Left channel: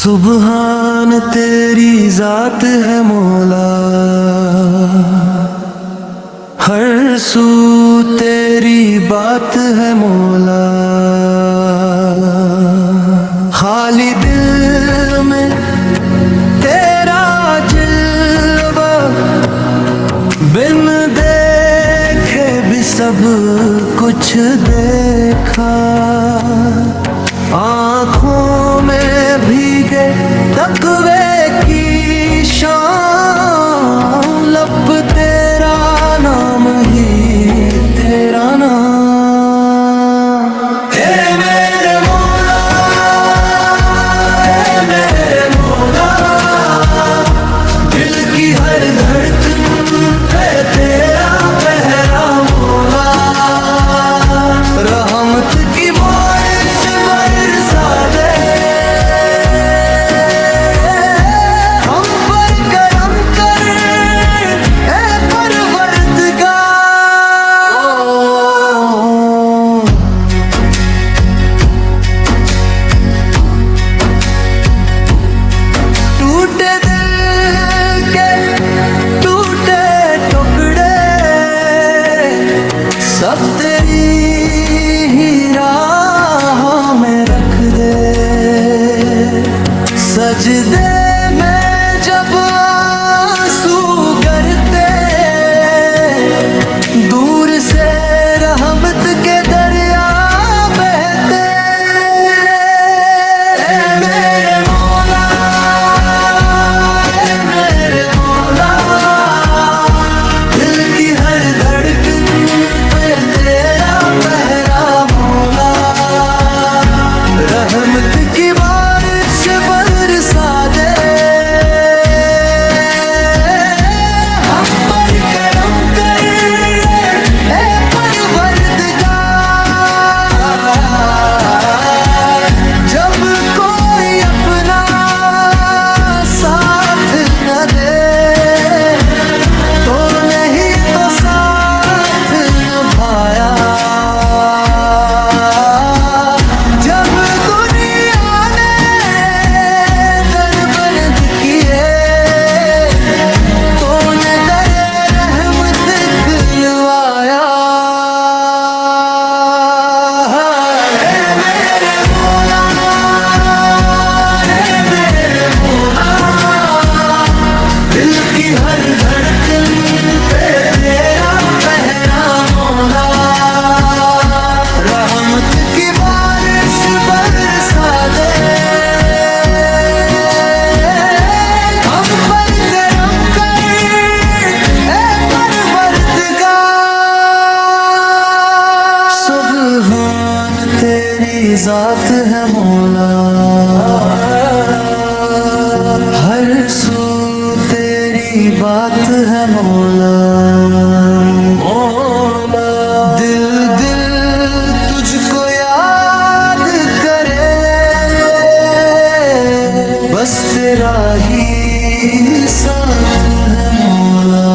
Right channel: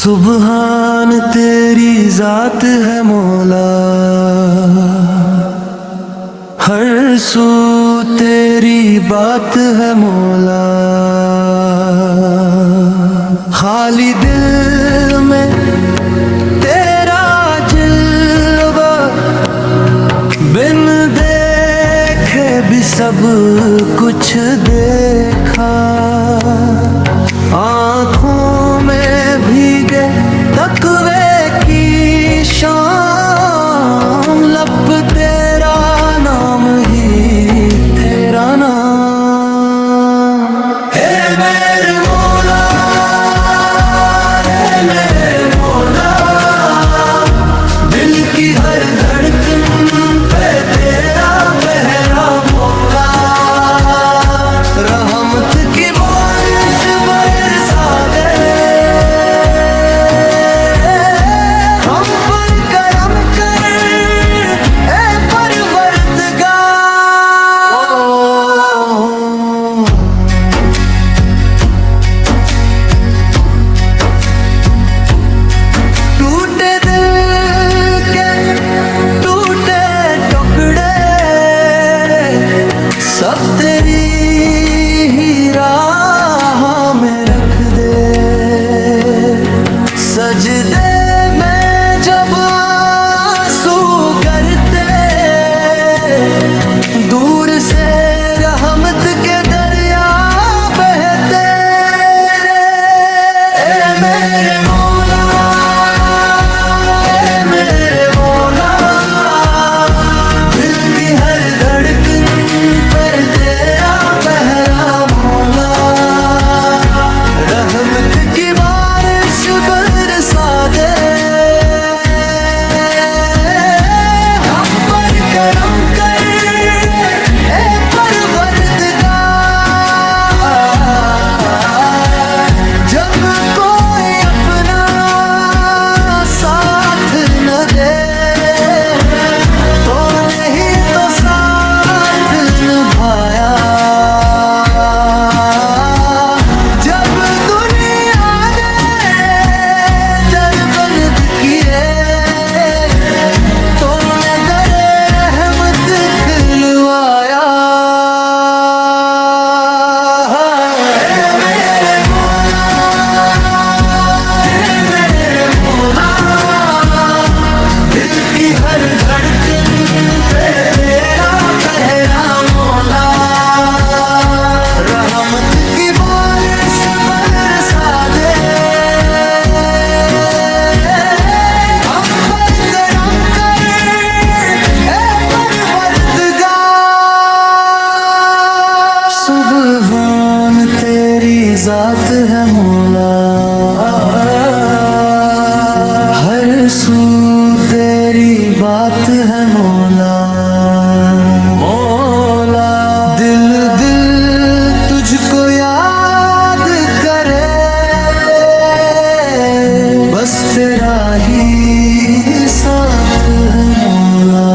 सुबहान तेरी जात है मौला, हर सू तेरी बात है मौला। खाली दिल में तेरा जलवा, बिन देखे भी सब कुछ देखा। आँखों में भीगे तकवे की शाम, लब तेरा नाम ही तेरा नाम। हे मेरे मौला, हे मेरे मौला, दिल की हर धड़कन पे तेरा पहरा मौला। रहमत की बारिश बरसा दे, हम पर करम कर ए परवरदिगार। टूटे दिल के टूटे टुकड़े सब तेरी ही राह में रख दे। सजदे में जब आंसू गिरते, दूर से रहमत के दरिया बहते। ए मेरे मौला, ए मेरे मौला, दिल की हर धड़कन पे तेरा पहरा मौला। रहमत की बारिश बरसा दे, हम पर करम कर ए परवरदिगार। जब कोई अपना साथ न दे, तो नहीं तो साथ निभाया। जब दुनिया ने दर बंद किए, तो ने दरे रहमत खुलवाया। हे मेरे मौला, हे मेरे मौला, दिल की हर धड़कन पे तेरा पहरा मौला। रहमत की बारिश बरसा दे, हम पर करम कर ए परवरदिगार। सुबहान तेरी जात है मौला, हर सू तेरी बात है मौला। मौला दिल दिल तुझको याद करे, बस तेरा ही साथ है मौला।